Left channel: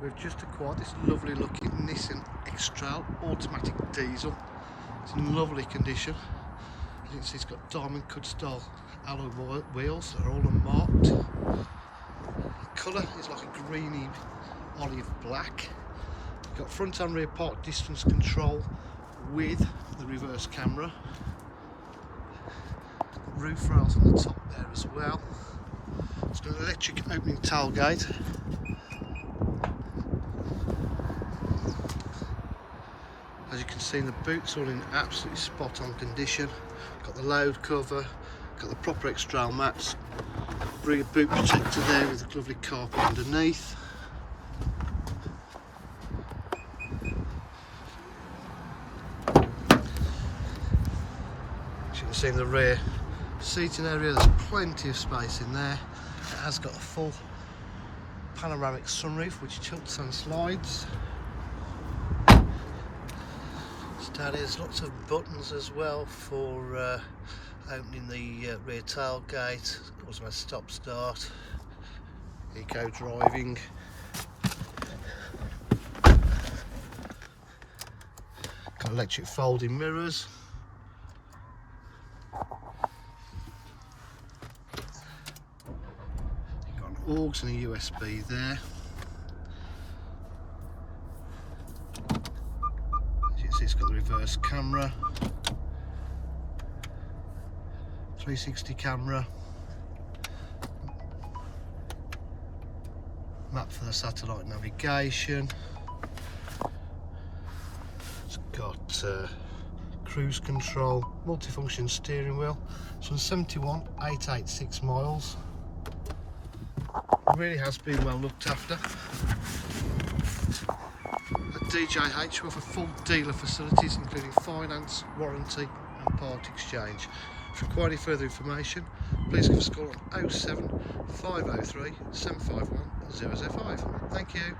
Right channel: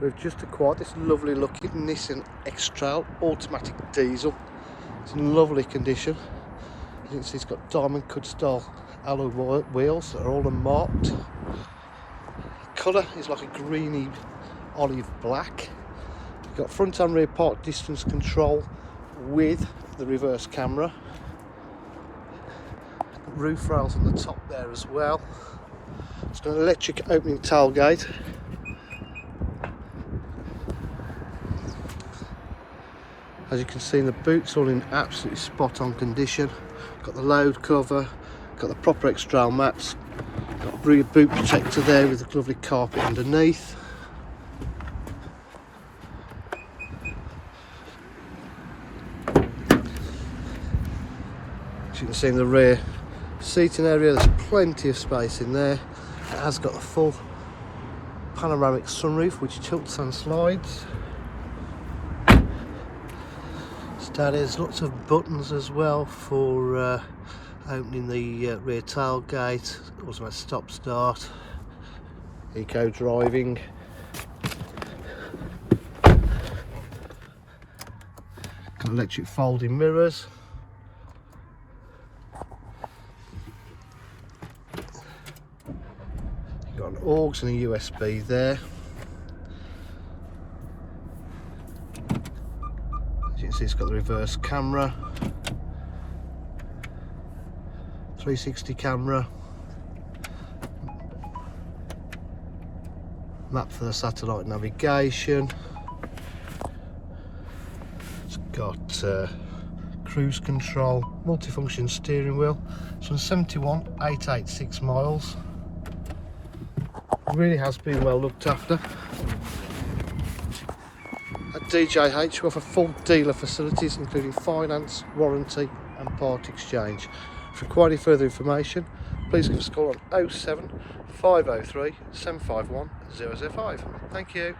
We've just acquired this lovely looking Nissan X-Trail automatic diesel. It's in lovely condition. As you can see, it's got diamond cut style alloy wheels that are all unmarked. Colour is like a greeny olive black. You've got front and rear park distance control with the reverse camera. Got roof rails on the top there as well. It's got an electric opening tailgate. As you can see, the boot's all in absolutely spot on condition. Got the load cover, got the proper X-Trail mats, got a boot protector there with a lovely carpet underneath. As you can see in the rear seating area, there's plenty of space in there. It has got the full panoramic sunroof which tilts and slides. There's lots of buttons as well for opening the rear tailgate, also a stop start, eco driving. Got electric folding mirrors. You've got an aux and a USB there. It's got the reverse camera, 360 camera, map for the satellite navigation. It's got cruise control, multifunction steering wheel. It's on 71,886 miles. It really has been well looked after. At DJH we offer full dealer facilities including finance, warranty and part exchange. If you require any further information, please give us a call on 07 503 751 005. Thank you.